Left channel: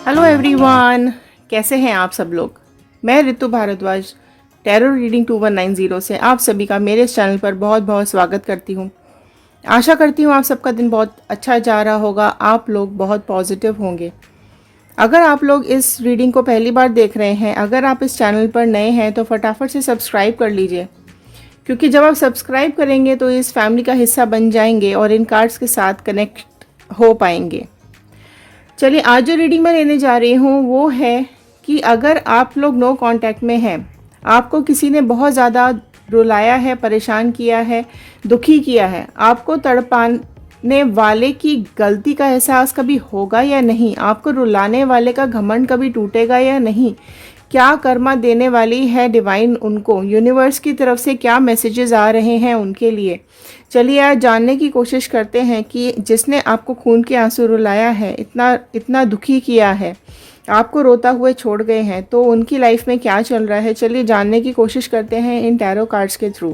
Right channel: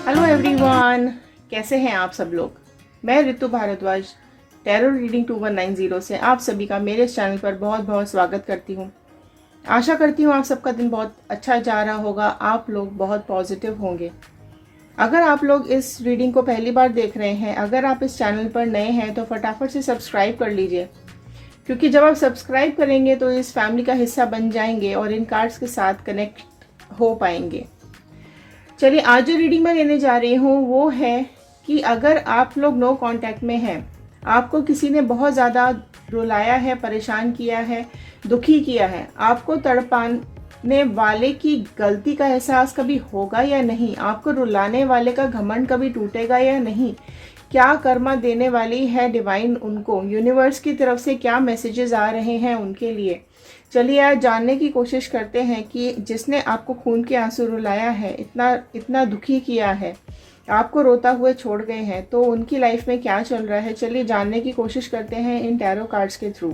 Hello everyone, कैसे हैं आप सब लोग। मैं रितु भारद्वाज टैरो रीडिंग 2190 से आप सभी का मेरे इस चैनल पर बहुत बहुत स्वागत करती हूँ। आशा करती हूँ आप सबका दिन बहुत अच्छा जा रहा होगा, आप लोग बहुत पॉजिटिव होंगे। अगर आप लोग इस रीडिंग को पहली बार देख रहे हैं, अगर आप इस चैनल पर नए हैं तो फटाफट से सब्सक्राइब कर लीजिए, क्योंकि जब आप सब्सक्राइब करेंगे तो इस फैमिली का हिस्सा बन जाएंगे और इन कार्ड्स के साथ कनेक्ट हो पाएंगे। चलिए, आज जो रीडिंग मैं लेने जा रही हूँ वो है कि अगर आप लोग नो कांटेक्ट में हैं, आपको किसी ने बहुत ज़्यादा रुलाया है, परेशान किया है, दुखी किया है, आपको तड़पाने वाले की गलती का एहसास कभी होगा या नहीं, आपको रुलाने वाले का घमंड कभी टूटेगा या नहीं, क्या कर्मा देने वाली है डिवाइन उनको, यूनिवर्स की तरफ से क्या मैसेजेस आ रहे हैं उनके लिए। चलिए आज जानने की कोशिश करते हैं कि जिसने आपको खून के आंसू रुलाया है, इतना इतना दुखी किया है, आपको रोता हुए छोड़ गए हैं, तो उनकी लाइफ में क्या चल रहा है। चलिए जानने की कोशिश करते हैं इन टैरो कार्ड्स के थ्रू।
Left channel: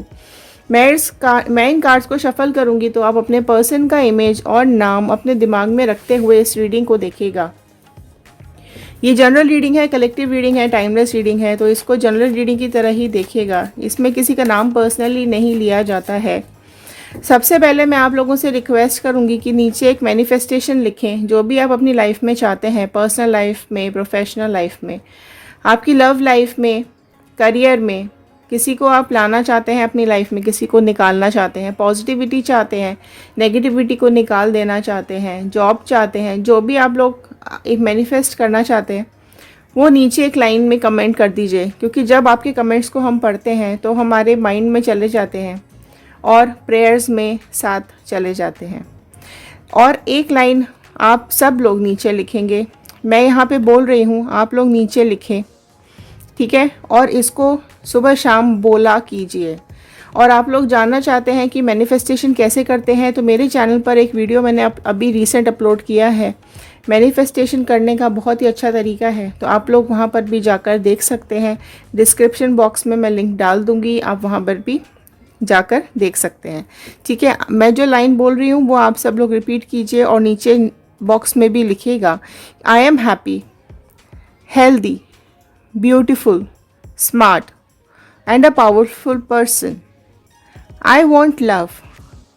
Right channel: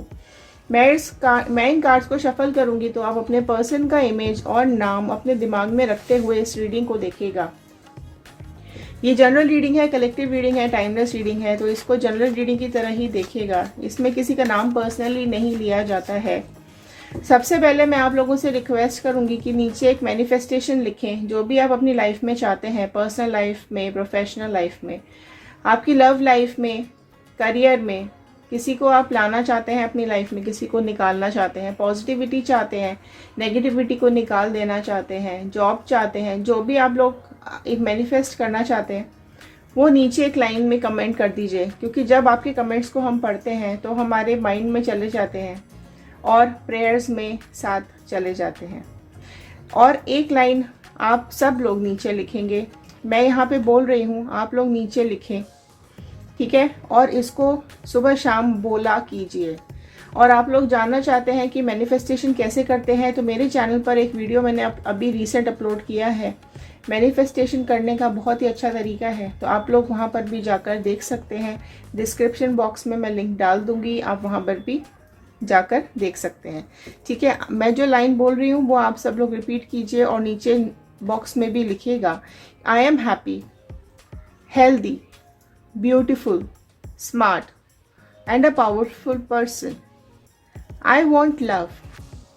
मैं इन कार्ड्स को शफल करूंगी तो आप अपने पर्सन का इमेज और नाम अपने दिमाग में रखते हुए इस रीडिंग को देखिएगा। ये जनरल रीडिंग है, कलेक्टिव रीडिंग है, टाइमलेस रीडिंग है, तो इसको जनरल रीडिंग की तरह ही देखिएगा। इसमें किसी का नाम पर्सनली नहीं लिया जाता है। सबसे पहले मैं आप लोगों से रिक्वेस्ट करूंगी कि नीचे एक मैनिफेस्टेशन लिखें, जो भी आप अपनी लाइफ में चाहते हैं, पर्सनल लाइफ में, प्रोफेशनल लाइफ में, आपकी लव लाइफ में, करियर में, किसी को आप लाना चाहते हैं अपनी लाइफ में, किसी को निकालना चाहते हैं, पॉजिटिविटी चाहते हैं, नेगेटिविटी को निकाल देना चाहते हैं, जॉब चाहते हैं, जो भी आप लोग एक मैनिफेस्ट करना चाहते हैं वो नीचे एक लाइन में कमेंट कर दीजिए, क्योंकि जब आपके कमेंट्स को हम पढ़ते हैं तो हमारे माइंड में चले जाते हैं और प्रेयर्स में साथ चले जाते हैं। और एक लाइन आप सब लोग नीचे लिखेंगे, मैं यहाँ पे बोल रही हूँ, आप लोग नीचे लिखें, ठीक है। और इसको सुबह शाम बोला कीजिए। और आप लोग जानना चाहते हैं कि मैनिफेस्टेशन कैसे करते हैं, तो मेरे चैनल पर एक वीडियो मैंने अभी रिसेंट अपलोड किया है। मैनिफेस्टेशन करने का बहुत ही अच्छा तरीका है, तो आप लोग वहाँ पर भी जाकर देख सकते हैं। डिस्क्रिप्शन बॉक्स में मैं लिंक डाल दूँगी, आप वहाँ पर भी जाकर देख सकते हैं, ठीक है। मैं जो लाइन बोल रही हूँ वो आप सब लोग रिपीट कीजिए और नीचे बॉक्स में भी लिखिएगा। I am happy, healthy, beautiful, smart and a powerful person. I want love,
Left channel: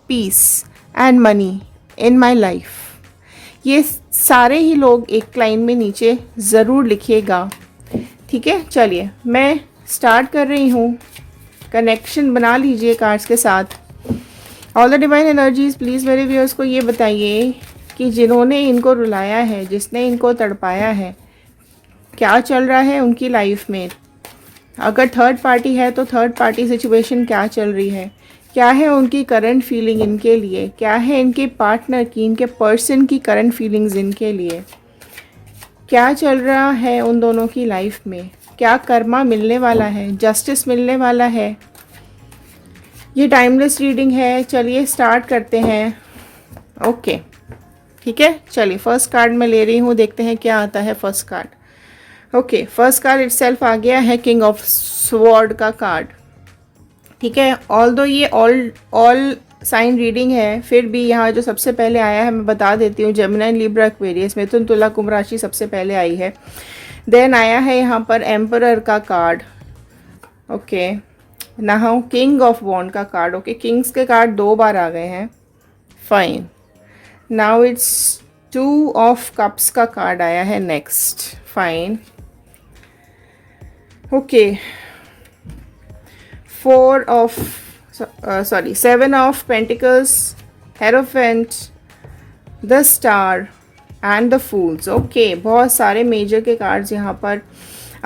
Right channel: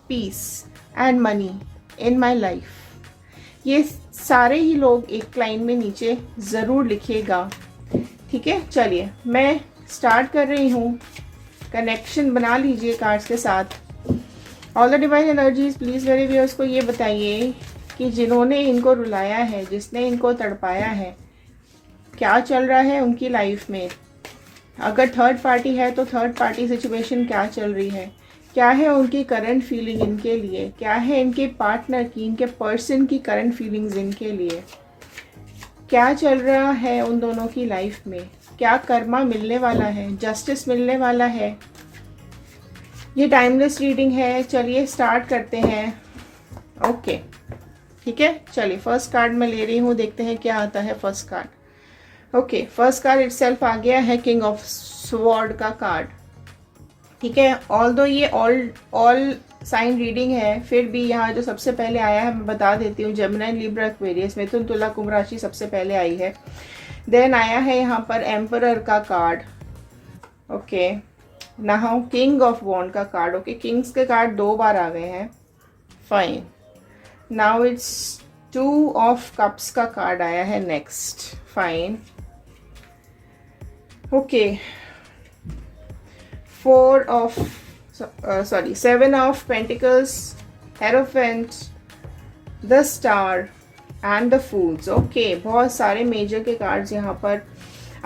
peace and money in my life. ये सारे ही लोग एक लाइन में नीचे ज़रूर लिखिएगा, ठीक है। चलिए मैं स्टार्ट कर रही हूँ। कनेक्शन बना लीजिए कार्ड्स के साथ। All the divine energies please मेरे व्यूअर्स को ये बताइए कि जिन्होंने इनको रुलाया है, जिसने इनको तड़पाया है, क्या चल रहा है उनकी लाइफ में। अगर थर्ड पार्टी है तो थर्ड पार्टी सिचुएशन क्या चल रही है, क्या है उनकी करंट फीलिंग इनके लिए, क्या है इनके पार्टनर की, इनके पर्सन की करंट फीलिंग्स इनके लिए, क्या चल रहा है उन दोनों की लाइफ में, क्या कर्मा मिलने वाला है, जस्टिस मिलने वाला है। ये टाइमलेस रीडिंग है। चलिए स्टार्ट करते हैं। ओके, ठीक है। चलिए फर्स्ट कार्ड मैं ले रही हूँ, देखते हैं क्या आता है first card. Okay, first card itself आ गया है किंग ऑफ स्वॉर्ड का कार्ड, ठीक है। ऑल्दो ये ऑल साइन रीडिंग है, फिर भी यहाँ जो सबसे पहले आया है मैं बता देती हूँ। जेमिनी, लिब्रा, एक्वेरियस, मिथुन, तुला, कुंभ राशि सबसे पहले आई है। देन आया है यहाँ पर एम्परर का card, okay. Now king of wand का कार्ड, ओके। किंग्स के कार्ड दो बार आ गए हैं, fine. Now it's two of cups का कार्ड आया है next, fine, okay. Seven of pentacles, hierophant, the star and the fools, okay. बहुत सारे मेजर के कार्ड्स यहाँ पर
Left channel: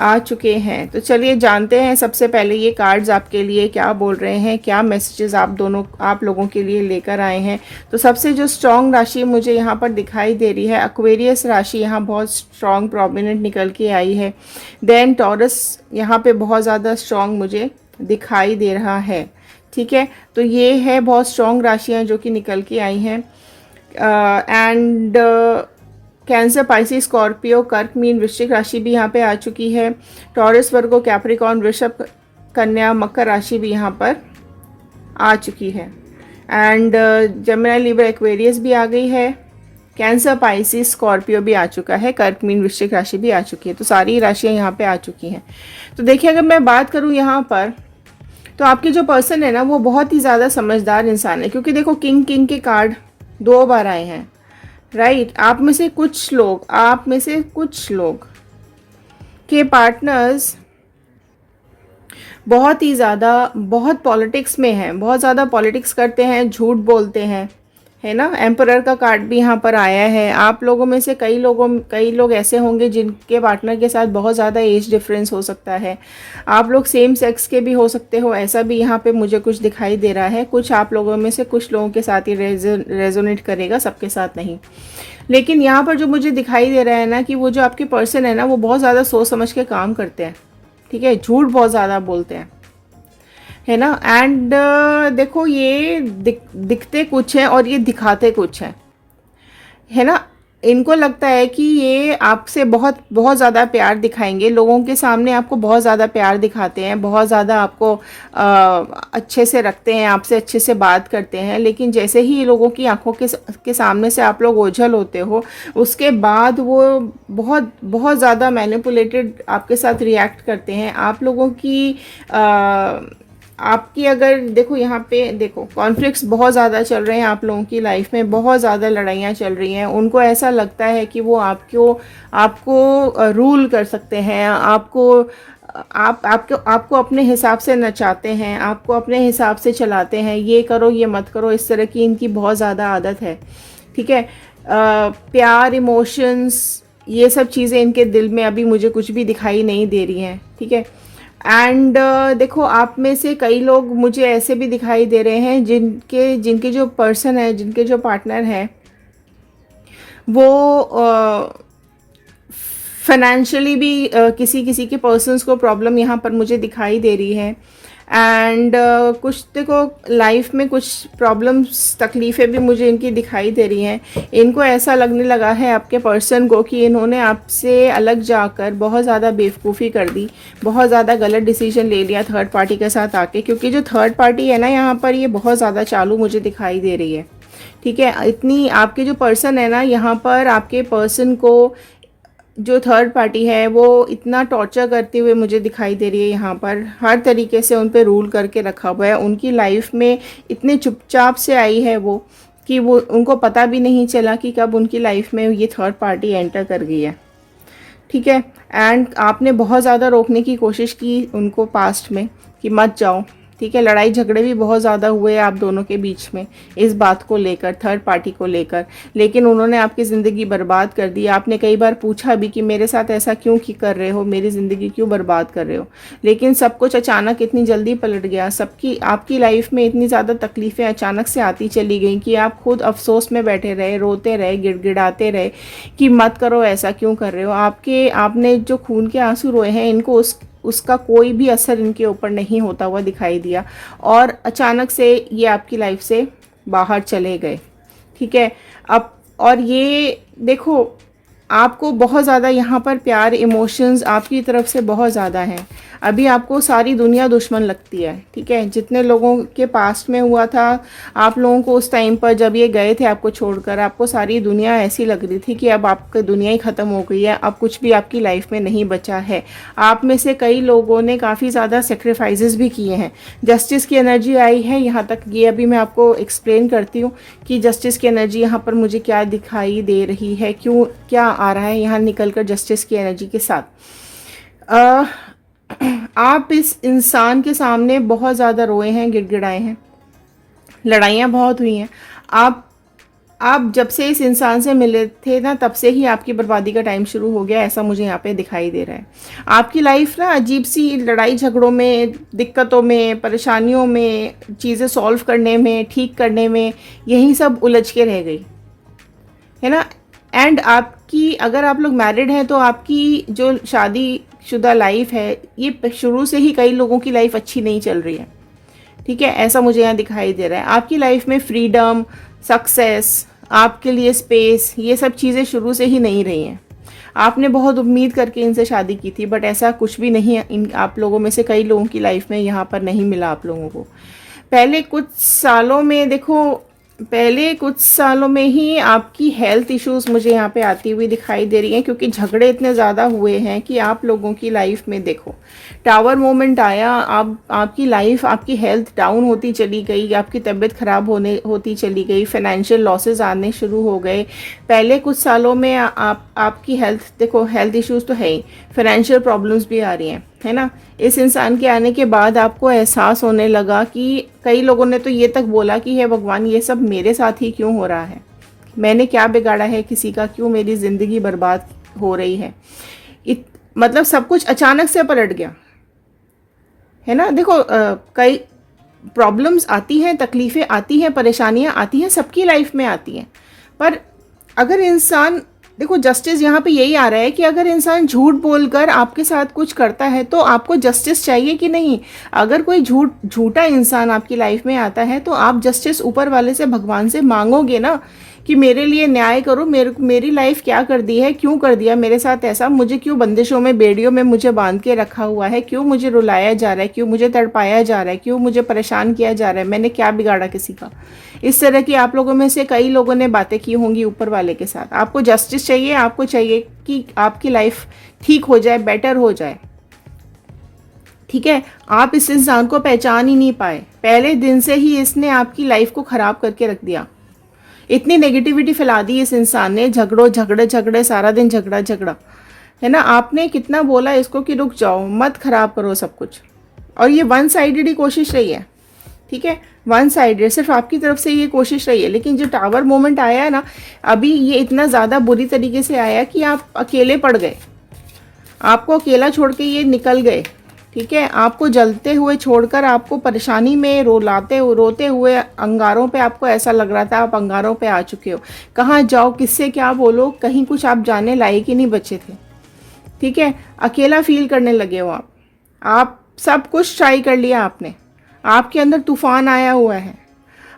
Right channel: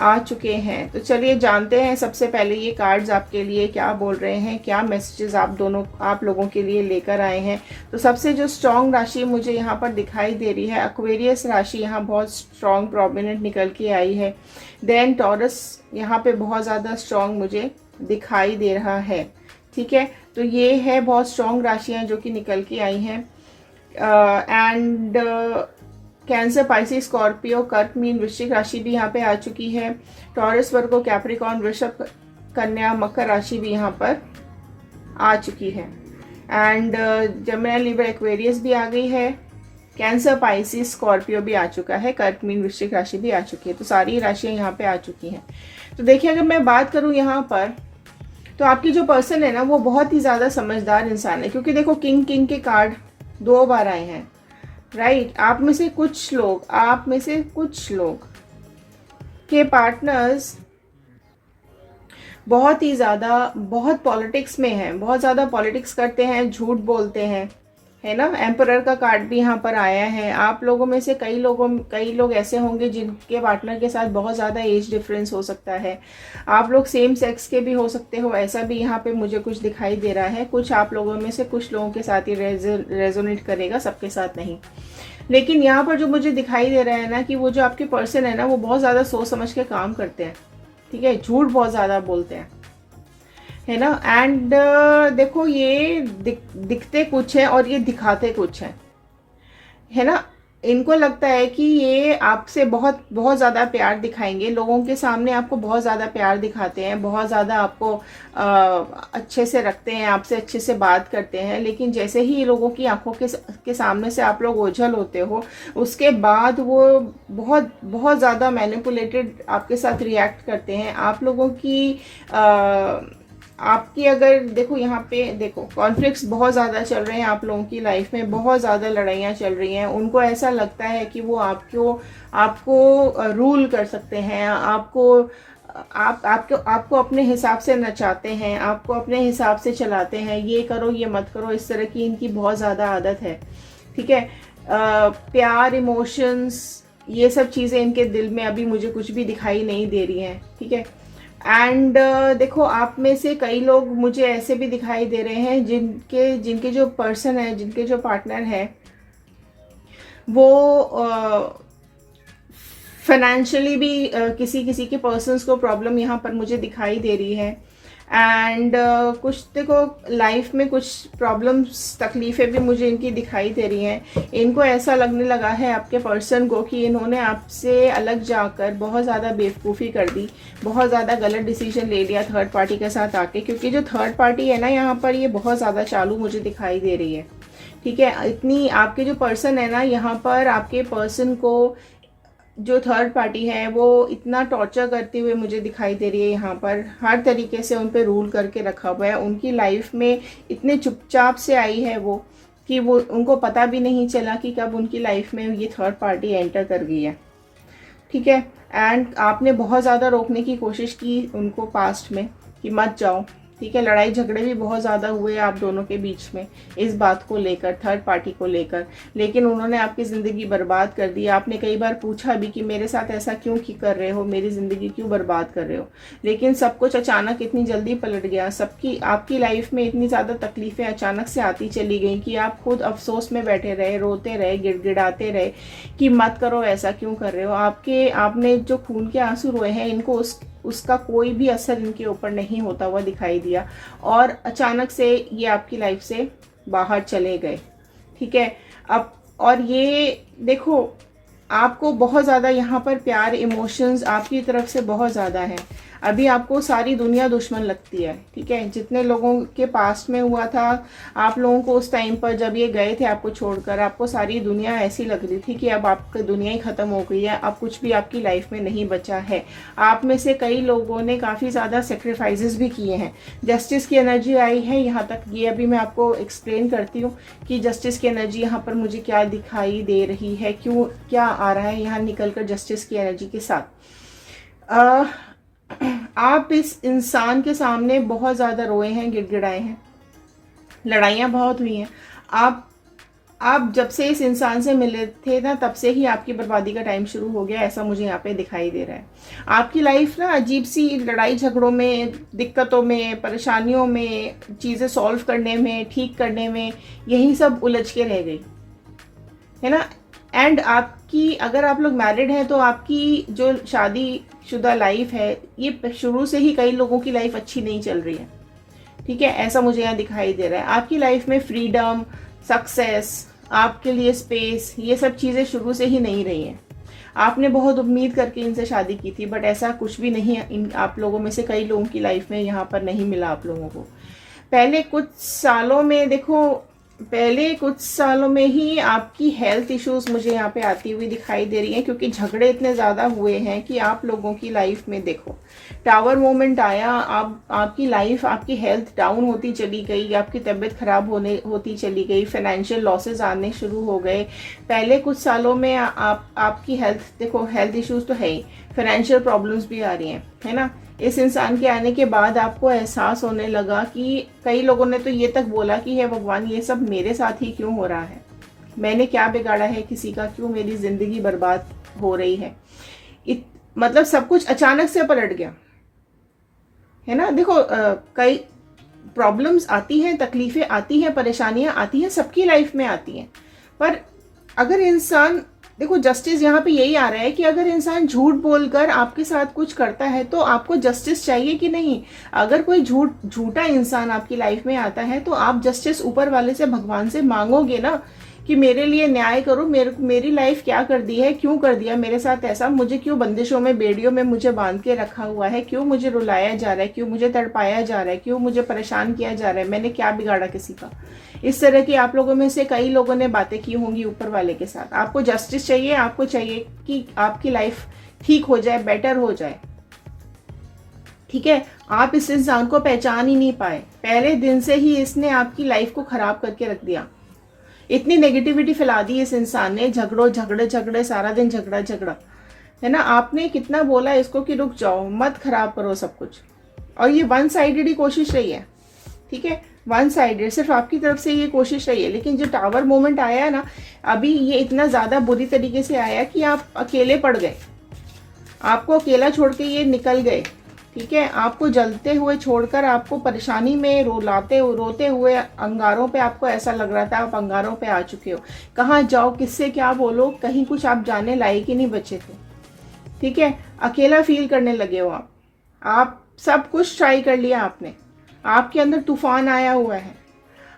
आ चुके हैं। तो चलिए जानते हैं सबसे पहले ये कार्ड्स आपके लिए क्या बोल रहे हैं, क्या मैसेजेस आप लोगों के लिए लेकर आए हैं। तो सबसे जो स्ट्रॉन्ग राशि मुझे यहाँ पर दिखाई दे रही है, एक्वेरियस राशि यहाँ बहुत स्ट्रॉन्ग प्रोमिनेंट निकल के आई है। देन टॉरस यहाँ पे बहुत ज़्यादा स्ट्रॉन्ग मुझे दिखाई दे रहा है, ठीक है। तो ये है बहुत स्ट्रॉन्ग राशियाँ जो कि निकल के आई हैं। एंड कैंसर, पाइसिस, स्कॉर्पियो, कर्क, मीन, वृश्चिक राशि भी यहाँ पे आ चुकी है। टॉरस, वर्गो, कैप्रिकॉर्न, वृषभ, कन्या, मकर राशि भी यहाँ पर आ चुकी है। एंड जेमिनी, लिब्रा, एक्वेरियस भी आ गई है। कैंसर, पाइसिस, स्कॉर्पियो भी आ चुका है, कर्क, मीन, वृश्चिक राशि भी आ चुकी है। तो सारी राशियां यहाँ पे आ चुकी हैं। तो देखिए, अगर मैं बात करूँ यहाँ पर, तो आपके जो पर्सन है ना वो बहुत ही ज़्यादा समझदार इंसान है, क्योंकि देखो किंग किंग के कार्ड 2 बार आए हैं, राइट। आप में से कुछ लोग के पार्टनर्स बहुत ही ज़्यादा बहुत पॉलिटिक्स में हैं, बहुत ज़्यादा पॉलिटिक्स करते हैं, झूठ बोलते हैं, है ना। एम्परर का कार्ड भी यहाँ पर आया है। आप लोगों में से कई लोग ऐसे होंगे जिनके पार्टनर के साथ बहुत ज़्यादा एज डिफरेंस हो सकता है। आप लोग सेम सेक्स के भी हो सकते हो, ऐसा भी यहाँ पे मुझे कुछ दिखाई दे रहा है। कुछ आप लोगों में से कुछ लोगों के साथ ही रेजोनेट करेगा, सबके साथ नहीं। लेकिन यहाँ पर जो मुझे दिखाई दे रहा है ना, कि वो जो आपके पर्सन है ना, वो बहुत ज़्यादा सोच समझ के काम करते हैं, ठीक है। झूठ बहुत ज़्यादा बोलते हैं, है ना। एंड देखो, ये दिखते कुछ है और ये दिखाते कुछ है ना। इनको लगता है कि ये आपसे बहुत बहुत ज़्यादा प्यार दिखाएंगे, लोगों के सामने आपको बहुत ज़्यादा प्यार दिखाते हैं, बहुत ज़्यादा आपको अच्छे से रखते हैं, आपसे अच्छे से बात करते हैं। लेकिन जैसे ही ये लोगों की आंखों के सामने से आप लोग ओझल होते हो, उसके बाद वो बहुत बहुत ज़्यादा मैनिपुलेटेड आपके साथ रिएक्ट करते हैं। आप लोगों की आपकी अगर देखो, यहाँ पे देखो कॉन्फ्लिक्ट्स बहुत ज़्यादा चल रहे हैं आप लोगों की लाइफ में, बहुत ज़्यादा लड़ाइयाँ चल रही हैं। उनको ऐसा लगता है कि वो आपको रूल कर सकते हैं, आपको अपने हिसाब से नचाते हैं, आपको अपने हिसाब से चलाते हैं, ये करो ये मत करो, इस तरह की इनकी बहुत ज़्यादा आदत है, ठीक है। प्यार, इमोशंस, ये सब चीज़ें इनके दिल में अभी मुझे कुछ भी दिखाई नहीं दे रही हैं, ठीक है। एंड देखो, आप में से कई लोग मुझे ऐसे भी दिखाई दे रहे हैं जिनके जो पर्सन है, जिनके जो पार्टनर हैं, वो फाइनेंशियली भी किसी किसी के पर्सन्स को प्रॉब्लम यहाँ पर मुझे दिखाई दे रही है। एंड कुछ देखो लाइफ में कुछ प्रॉब्लम्स, तकलीफ़ें भी मुझे इनकी दिखाई दे रही हैं। इनको ऐसा लगने लगा है आपके पर्सन को कि इन्होंने आपसे अलग जाकर बहुत ज़्यादा बेवकूफ़ी कर दी, बहुत ज़्यादा गलत डिसीजन ले लिया थर्ड पार्टी के साथ आके। क्योंकि जो थर्ड पार्टी है ना यहाँ पर, ये बहुत ज़्यादा चालू मुझे दिखाई दे रही है, ठीक है। इतनी आपके जो पर्सन है ना यहाँ पर, आपके पर्सन को जो थर्ड पार्टी है वो इतना टॉर्चर करते हुए मुझे दिखाई दे रही है यहाँ पर, हर तरीके से उन पर रूल करके रखा हुआ है। उनकी लाइफ में इतने चुपचाप से आई है वो, कि वो उनको पता भी नहीं चला कि कब उनकी लाइफ में ये थर्ड पार्टी एंटर कर गई है, ठीक है। एंड आपने बहुत ज़्यादा रोकने की कोशिश की उनको पास्ट में कि मत जाओ, ठीक है। लड़ाई झगड़े भी बहुत ज़्यादा हुए आप दोनों के बीच में इस बात को लेकर, थर्ड पार्टी को लेकर। लेकिन उन्होंने आपकी ज़िंदगी बर्बाद कर दी। आपने कई बार पूछा भी कि मेरे साथ ऐसा क्यों कर रहे हो, मेरी ज़िंदगी क्यों बर्बाद कर रहे हो। लेकिन सब कुछ अचानक इतनी जल्दी पलट गया, आपकी लाइफ में इतनी ज़्यादा तकलीफ़ें अचानक से आती चली गई कि आप खुद अफसोस में बैठे रहे, रोते रहे, गिड़गिड़ाते रहे कि मत करो, ऐसा क्यों कर रहे हो। आपने जो खून के आंसू रोए हैं, इनको उसका कोई भी असर इनके ऊपर नहीं होता हुआ दिखाई दिया, और अचानक से ये आपकी लाइफ से बाहर चले गए, ठीक है। अब और ये देखो, आपको बहुत ज़्यादा यहाँ पर प्यार, इमोशंस आपकी तरफ से बहुत ज़्यादा हैं। अभी आपको सारी दुनिया दुश्मन लगती है, ठीक है। जितने लोगों के पास्ट में हुआ था, आप लोगों को उस टाइम पर जब ये गए थे आपको छोड़कर, आपको सारी दुनिया ऐसी लग रही थी कि अब आपकी दुनिया ही ख़त्म हो गई है, अब कुछ भी आपकी लाइफ में नहीं बचा है। आप में से कई लोगों ने काफ़ी ज़्यादा सेक्रीफाइसेस भी किए हैं। जस्टिस की एनर्जी आई है यहाँ तक, ये अभी मैं आपको एक्सप्लेन करती हूँ कि जस्टिस की एनर्जी यहाँ पर मुझे क्या दिखाई दे रही है, क्यों क्या आ रहा है यहाँ निकल कर जस्टिस की एनर्जी के साथ। आप इस इंसान के सामने बहुत ज़्यादा रोए हैं, गिड़गिड़ाए हैं, लड़ाइयाँ बहुत हुई हैं। आप जब से इस इंसान से मिले थे ना, तब से ही आपकी बर्बादी का टाइम शुरू हो गया, ऐसा मुझे यहाँ पे दिखाई दे रहा है। आपकी लाइफ ना अजीब सी लड़ाई झगड़ों में, दिक्कतों में, परेशानियों में, चीज़ें सॉल्व करने में, ठीक करने में, यही सब उलझ के रह गई, है ना। एंड अगर आप लोग मैरिड हैं तो आपकी जो शादीशुदा लाइफ है, ये शुरू से ही कई लोगों की लाइफ अच्छी नहीं चल रही है, ठीक है। ऐसा मुझे यहाँ दिखाई दे रहा है। आपकी लाइफ में फ्रीडम, सक्सेस, आपके लिए स्पेस, ये सब चीज़ें शुरू से ही नहीं रही हैं। आपने बहुत उम्मीद करके इनसे शादी की थी, बट ऐसा कुछ भी नहीं है। आप लोगों में से कई लोगों की लाइफ में यहाँ पर नहीं मिला आप लोगों को। पहले कुछ सालों में देखो, पहले कुछ सालों में ही आपकी हेल्थ इश्यूज मुझे यहाँ पे आती हुई दिखाई दे रही हैं, क्योंकि झगड़े इतने ज़्यादा हुए हैं कि आप लोगों की लाइफ में देखो टावर मोमेंट आया, आपकी लाइफ, आपकी हेल्थ डाउन होती चली गई, आपकी तबीयत खराब होती चली गई, फाइनेंशियल लॉसेस आने शुरू हो गए। पहले कुछ सालों में आपकी हेल्थ देखो, हेल्थ इश्यूज तो है ही, फाइनेंशियल प्रॉब्लम्स भी आ रही हैं, है ना। इस इंसान के आने के बाद आपको एहसास होने लगा कि कई लोगों ने तो ये तक बोला कि हे भगवान, ये सब मेरे साथ ही क्यों हो रहा है, मैंने क्या बिगाड़ा है किसी का, क्यों मेरी ज़िंदगी बर्बाद हो रही है। मतलब सब कुछ अचानक से पलट गया, है ना। देखो कई प्रॉब्लम्स आती हैं, तकलीफ़ें आती हैं, परेशानियां आती हैं, सबकी लाइफ में आती हैं। पर अगर इंसान, देखो जस्टिस यहाँ पे यही आ रहा है कि अगर इंसान झूठ बोलकर आपके साथ कुछ करता है तो आपको जस्टिस चाहिए कि नहीं। अगर कोई झूठा इंसान आपकी लाइफ में आता है तो आप जस्टिस ऊपर वाले से, भगवान से मांगोगे ना कि मेरे लिए न्याय करो, मेरी लाइफ क्या कर दी है, क्यों कर दिया मेरे साथ ऐसा, मुझे क्यों बंदिशों में, बेड़ियों में मुझे बांध के रखा हुआ है, क्यों मुझे रुलाया जा रहा है, क्यों मुझे तड़पाया जा रहा है, क्यों मुझे परेशान किया जा रहा है, मैंने क्या बिगाड़ा किसी का। इस तरह की आप लोगों में से कई लोगों ने बातें की होंगी ऊपर वाले के साथ। आपको जस्टिस चाहिए, आपको चाहिए कि आपकी लाइफ ठीक हो जाए, बेटर हो जाए, ठीक है। आप इस इंसान को पहचान ही नहीं पाए, पहले दिन से ही इसने आपकी लाइफ को खराब करके रख दिया। इतनी नेगेटिविटी फैला दी इस इंसान ने, झगड़े सारा दिन झगड़ा, है ना। आपने कितना बोला इसको कि रुक जाओ, मत खराब करो सब कुछ, और ये वन साइडेड ही कोशिश रही है, ठीक है। वन साइडेड सिर्फ आपकी तरफ से ये कोशिश रही है। लेकिन जो टावर मोमेंट आया है ना, अभी ये इतना ज़्यादा बुरी तरीके से आया कि आप अकेले पड़ गए, आपको अकेला छोड़ के ये निकल गए, ठीक है। आपको जलते हुए छोड़कर आपको परेशानी में रोते हुए अंगारों पे, आपको ऐसा लग रहा था आप अंगारों पे आ चुके हो। कहाँ जाओ, किससे क्या बोलो, कहीं कुछ आप जाने लायक ही नहीं बचे थे, ठीक है। अकेला फील करने लगे हो आप सब कुछ ट्राई कर लिया आपने, आपके अंदर तूफान आया हुआ है,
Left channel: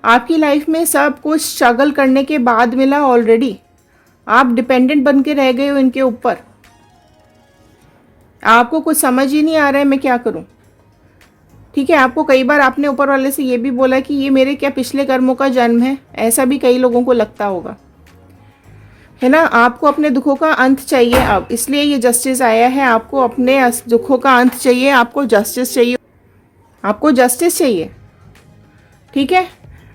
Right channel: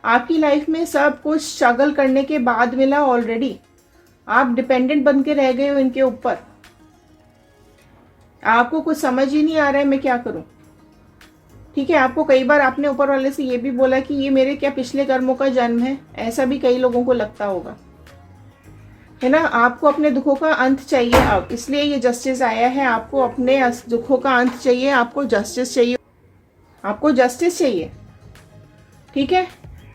आपकी लाइफ में सब कुछ स्ट्रगल करने के बाद मिला ऑलरेडी, आप डिपेंडेंट बन के रह गए हो इनके ऊपर। आपको कुछ समझ ही नहीं आ रहा है मैं क्या करूं, ठीक है। आपको कई बार आपने ऊपर वाले से ये भी बोला कि ये मेरे क्या पिछले कर्मों का जन्म है, ऐसा भी कई लोगों को लगता होगा, है ना। आपको अपने दुखों का अंत चाहिए अब, इसलिए ये जस्टिस आया है। आपको अपने दुखों का अंत चाहिए, आपको जस्टिस चाहिए, आपको जस्टिस चाहिए, ठीक है।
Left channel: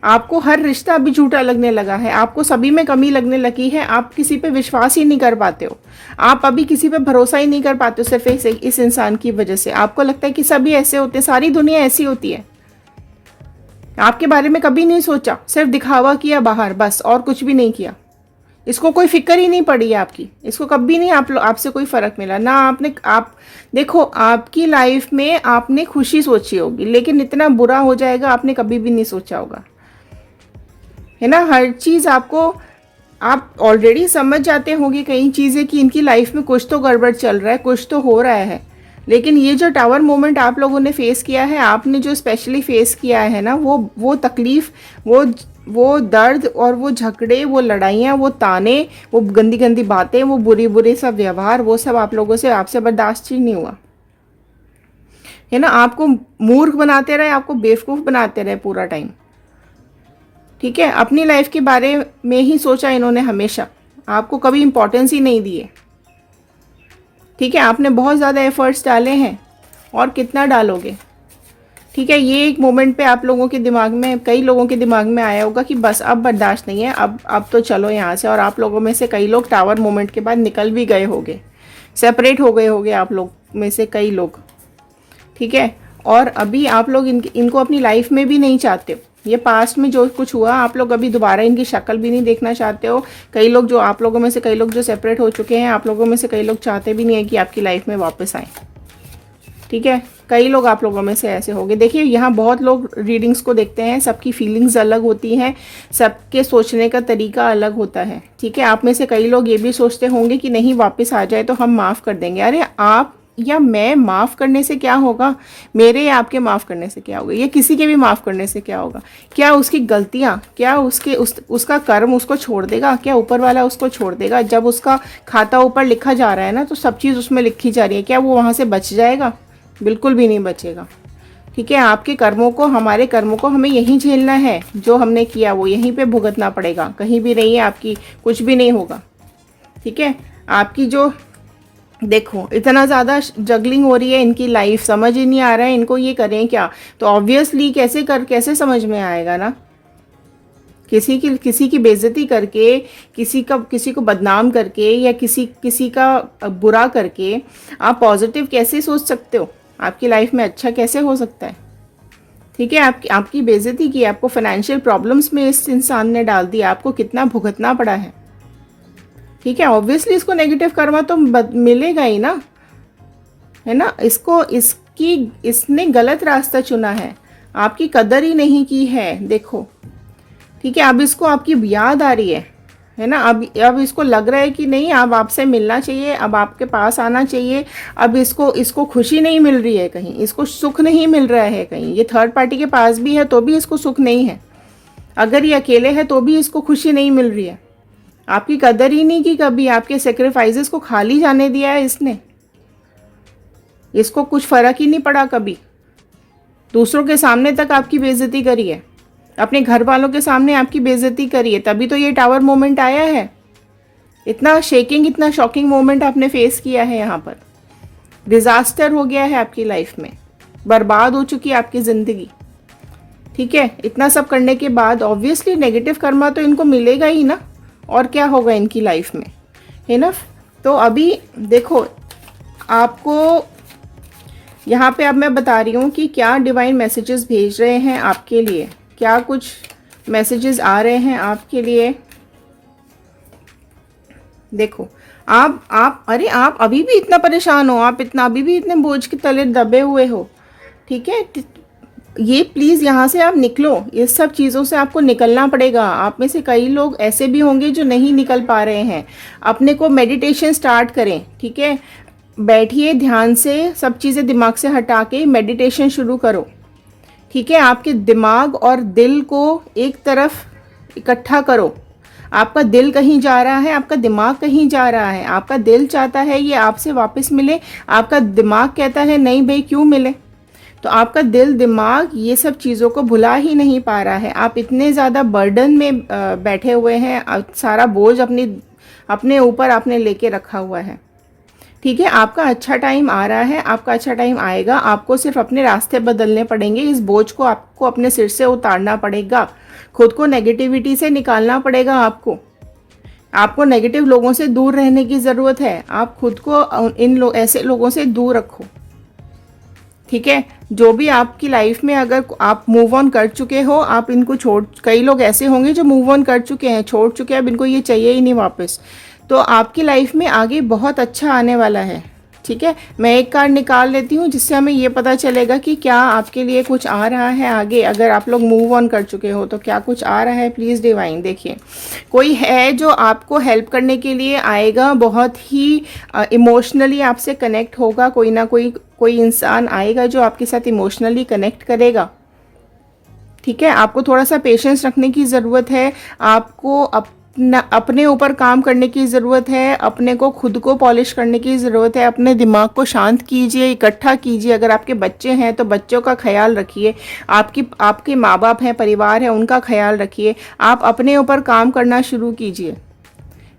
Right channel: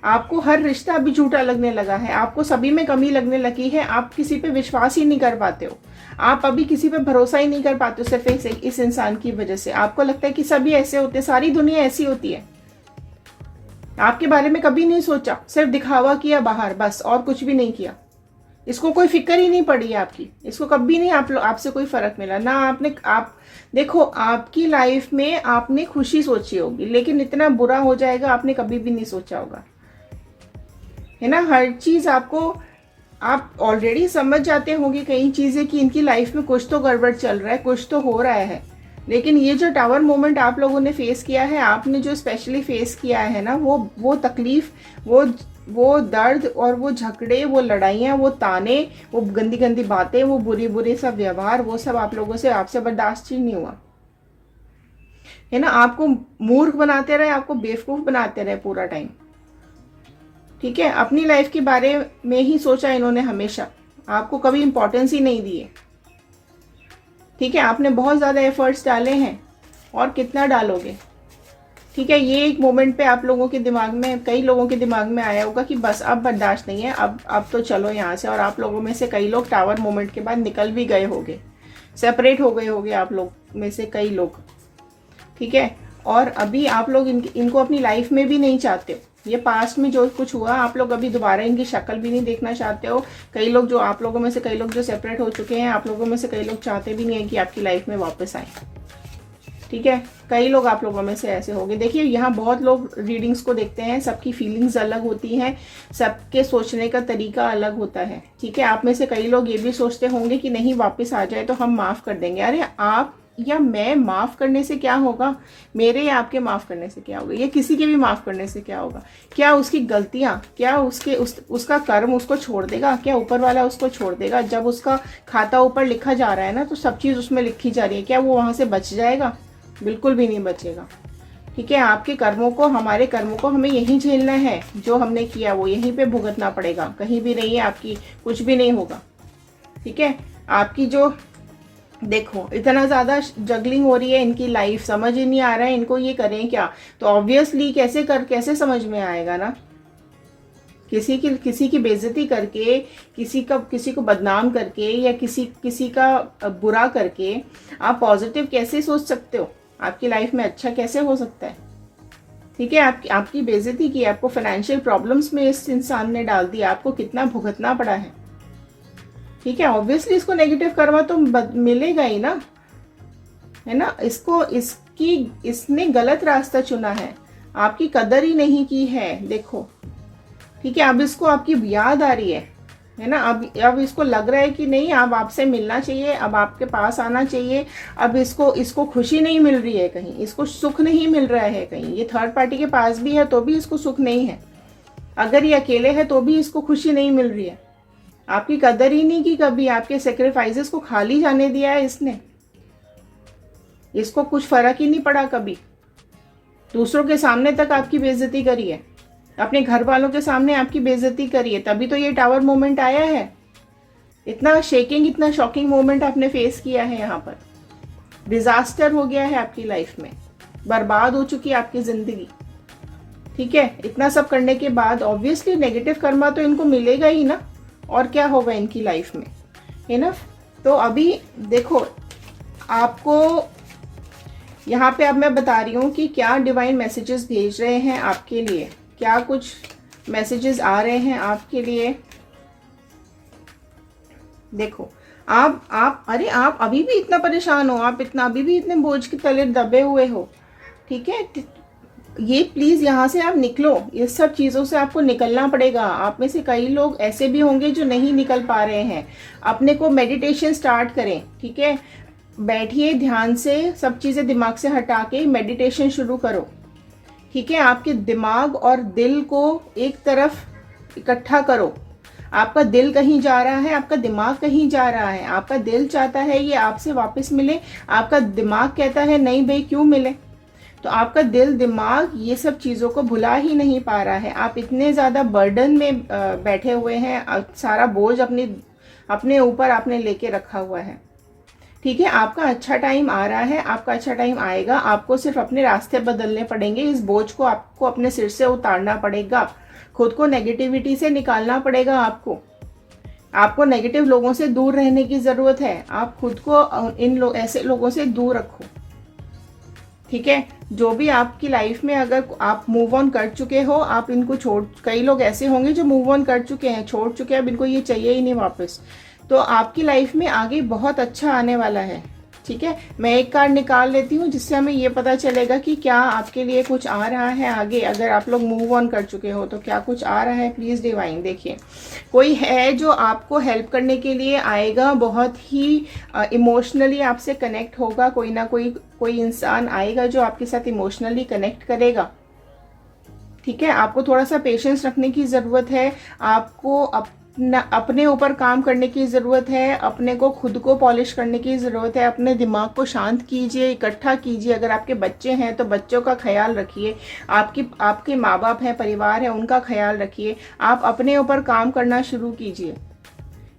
आपको हर रिश्ता अभी झूठा लगने लगा है, आपको सभी में कमी लगने लगी है, आप किसी पे विश्वास ही नहीं कर पाते हो, आप अभी किसी पे भरोसा ही नहीं कर पाते हो, सिर्फ इस इंसान की वजह से। आपको लगता है कि सभी ऐसे होते हैं, सारी दुनिया ऐसी होती है। आपके बारे में कभी नहीं सोचा, सिर्फ दिखावा किया बाहर, बस, और कुछ भी नहीं किया। इसको कोई फिक्र ही नहीं पड़ी है आपकी, इसको कभी नहीं आपसे कोई फर्क मिला ना। आप देखो, आपकी लाइफ में आपने खुशी सोची होगी, लेकिन इतना बुरा हो जाएगा आपने कभी भी नहीं सोचा होगा, है ना। हर चीज आपको, आप ऑलरेडी समझ जाते होंगे कई चीजें कि इनकी लाइफ में कुछ तो गड़बड़ चल रहा है, कुछ तो हो रहा है। लेकिन ये जो टावर मोमेंट आप लोगों ने फेस किया है, आपने जो स्पेशली फेस किया है ना, वो तकलीफ, वो दर्द, और वो झगड़े, वो लड़ाइयाँ, वो ताने, वो गंदी गंदी बातें, वो बुरी सब व्यवहार, वो सब आप लोगों से, आपसे बर्दाश्त ही नहीं हुआ, है ना। आपको मूर्ख बनाते रहे, आपको बेवकूफ बनाते रहे पूरा टाइम, ठीक है। अपनी लाइफ के बारे में ही सोचा इन्होंने हमेशा, आपको कभी इंपॉर्टेंस ही नहीं दिए, ठीक है। आपने बहुत ज़्यादा एफर्ट्स डाले हैं, और कितना डालोगे, ठीक है। ये एक मोमेंट पे आप लोगों के दिमाग में, कई लोगों के दिमाग में आया होगा कि बस अब बर्दाश्त नहीं है, अब तो चलो यहाँ से। और आप लोगों में से कई लोग टावर मोमेंट के बाद निकल भी गए होंगे, सेपरेट हो गए होंगे आप लोग में से कई लोग, ठीक है। और अभी आप लोग इनको अपनी लाइफ में भी नहीं चाहते हो। ये पास्ट में जो कुछ हुआ, आप लोग अभी दोबारा इनकी शक्ल भी नहीं देखना चाहते हो। कई लोग जो, आप लोगों में से कई लोग जो सेपरेट हो चुके हैं, आप लोगों में से कई लोग चाहते भी नहीं है कि आपकी लाइफ में वापस आए, ठीक है। कई लोग आप लोगों में से ऐसे होंगे। देखिए, यहाँ बहुत लोग रीडिंग्स को देखते हैं, सबकी फीलिंग्स अलग होती हैं, सबके सोचने का तरीका अलग होता है, ठीक है। आप में से कई लोग ये भी सोचते होंगे कि नहीं, वापस आ जाए तो हम माफ़ कर देंगे। अरे आप या मैं माफ़ करने से क्या होगा, मेरे या आपके माफ़ करने से क्या होगा, ये किसी के भी माफ़ करने से क्या होगा। क्या उसकी गलतियाँ, क्या उसका कर्म उसको छोड़ देगा, क्या ऊपर वाला उसको छोड़ देगा। जब उसका खाता ऊपर लिखा जा रहा है ना, तो सब चीज़ उसमें लिखी जा रही है, क्या वो वहाँ से बच जाएगा, बिल्कुल भी नहीं बचेगा, ठीक है, आपके कर्मों को, हमारे कर्मों को हमें यहीं झेलना है, जो हमने किया वो यहीं पे भुगतना पड़ेगा, कहीं भी नहीं है, आपकी कुछ भी नहीं होगा। ठीक है, आपकी जो देखो इतना ज़्यादा जगलिंग हो रही है इनकी लाइफ, समझ ही नहीं आ रहा है इनको ये करें क्या। तो ऑब्वियसली कैसे समझ में आएगा ना, किसी की बेइज्जती करके, किसी को बदनाम करके, या किसी का बुरा करके आप पॉजिटिव कैसे सोच सकते हो, आपकी लाइफ में अच्छा कैसे हो सकता है। ठीक है, आपकी बेइज्जती की, आपको फाइनेंशियल प्रॉब्लम्स में इस इंसान ने डाल दिया, आपको कितना भुगतना पड़ा है। ठीक है, ऑब्वियसली इसको नेगेटिव कर्मा तो मिलेगा ही ना, है ना। इसने गलत रास्ता चुना है, आपकी कदर ही नहीं की है, देखो। ठीक है, अब इसको आपकी याद आ रही है ना। अब इसको लग रहा है कि नहीं, अब आपसे मिलना चाहिए, अब आपके पास आना चाहिए। अब इसको खुशी नहीं मिल रही है कहीं, इसको सुख नहीं मिल रहा है कहीं। ये थर्ड पार्टी के पास भी है तो भी इसको सुख नहीं है, अगर ये अकेले है तो भी इसको खुशी नहीं मिल रही है। आपकी कदर ही नहीं की कभी, आपके सेक्रीफाइसेस को खाली जाने दिया है इसने, इसको कुछ फर्क ही नहीं पड़ा कभी। दूसरों के सामने तक आपकी बेइज्जती करी है, अपने घर वालों के सामने आपकी बेइज्जती करी है, तभी तो ये टावर मोमेंट आया है। इतना शॉकिंग मोमेंट आपने फेस किया है, यहाँ पर डिजास्टर हो गया है आपकी लाइफ में, बर्बाद हो चुकी है आपकी जिंदगी। ठीक है, इतना सब करने के बाद ऑब्वियसली नेगेटिव कर्मा तो इनको मिलेगा ही ना, और क्या होगा इनकी लाइफ में, है ना। तो अभी देखो, आपको यहाँ पे अब मैं बता रही हूँ कि क्या डिवाइन मैसेजेस भेज रहे हैं आपके लिए, क्या कुछ मैसेजेस आ रहे हैं आपके लिए। देखो, अरे आप अभी भी इतना परेशान हो, आप अभी भी इतने बोझ के तले दबे हुए हो। ठीक है, ये प्लीज़ यहाँ से आप निकलो, इस सब चीज़ों से आपको निकलना पड़ेगा। आप में से कई लोग ऐसे भी होंगे जो नहीं निकल पा रहे हैं। अपने को मेडिटेशन स्टार्ट करें, ठीक है, बैठिए ध्यान से, सब चीज़ें दिमाग से हटा के मेडिटेशन शुरू करो। ठीक है, आपके दिमाग और दिल को एक तरफ इकट्ठा करो। आपका दिल कहीं जा रहा है, आपका दिमाग कहीं जा रहा है। आपका दिल चाहता है ये आपसे वापस मिले, आपका दिमाग कहता है नहीं भाई क्यों मिले। तो आपका दिल दिमाग ये सब चीज़ों को भुला ही नहीं पा रहा है। आप इतने ज़्यादा बर्डन में बैठे हुए हैं, सारा बोझ अपने ऊपर आपने लेके रखा हुआ है। ठीक है, आपका अच्छा टाइम आ रहा है, आपका अच्छा टाइम आएगा। आपको सिर्फ अपने रास्ते बदलने पड़ेंगे, इस बोझ को आपको अपने सिर से उतारना पड़ेगा, खुद को नेगेटिविटी से निकालना पड़ेगा। आपको नेगेटिव लोगों से दूर रहने की ज़रूरत है। आप खुद को ऐसे लोगों से दूर रखो। ठीक है, जो भी आपकी लाइफ में अगर आप मूव ऑन कर चुके हो, आप इनको कई लोग ऐसे होंगे जो मूव ऑन कर चुके हैं, छोड़ चुके हैं, अब इनको ये चाहिए ही नहीं वापस। तो आपकी लाइफ में आगे बहुत अच्छा आने वाला है। ठीक है, मैं एक कार्ड निकाल लेती हूँ जिससे हमें ये पता चलेगा कि क्या आपके लिए कुछ आ रहा है आगे। अगर आप लोग मूव ऑन कर चुके हो तो क्या कुछ आ रहा है, प्लीज़ डिवाइन। देखिए, कोई है जो आपको हेल्प करने के लिए आएगा, बहुत ही इमोशनली आपसे कनेक्ट होगा। कोई इंसान आएगा जो आपके साथ इमोशनली कनेक्ट करेगा। ठीक है, आपको थोड़ा सा पेशेंस रखने की ज़रूरत है, आपको अपने ऊपर काम करने की ज़रूरत है, अपने को खुद को पॉलिश करने की ज़रूरत है। अपने दिमाग को शांत कीजिए, इकट्ठा कीजिए। अगर आपके बच्चे हैं तो बच्चों का ख्याल रखिए, आपके माँ बाप हैं, परिवार है, उनका ख्याल रखिए। आप अपने ऊपर काम करना शुरू कीजिए।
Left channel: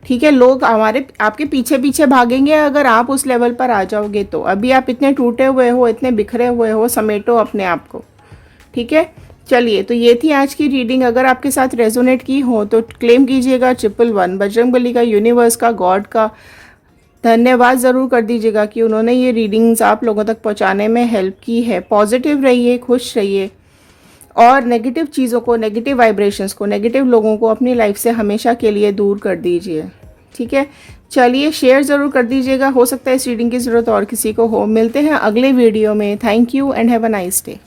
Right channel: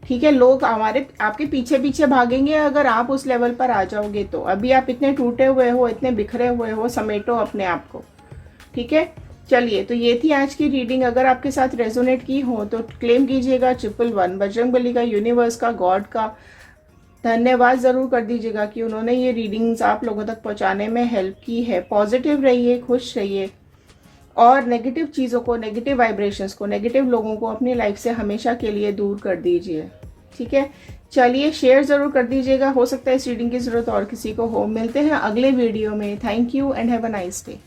ठीक है, लोग आपके पीछे पीछे भागेंगे अगर आप उस लेवल पर आ जाओगे तो। अभी आप इतने टूटे हुए हो, इतने बिखरे हुए हो, समेटो अपने आप को। ठीक है, चलिए, तो ये थी आज की रीडिंग। अगर आपके साथ रेजोनेट की हो तो क्लेम कीजिएगा 111 बजरंगबली का, यूनिवर्स का, गॉड का धन्यवाद ज़रूर कर दीजिएगा कि उन्होंने ये रीडिंग्स आप लोगों तक पहुंचाने में हेल्प की है। पॉजिटिव रहिए, खुश रहिए, और नेगेटिव चीज़ों को, नेगेटिव वाइब्रेशंस को, नेगेटिव लोगों को अपनी लाइफ से हमेशा के लिए दूर कर दीजिए। ठीक है, चलिए, शेयर ज़रूर कर दीजिएगा, हो सकता है इस रीडिंग की ज़रूरत और किसी को हो। मिलते हैं अगले वीडियो में। Thank you and have a nice day.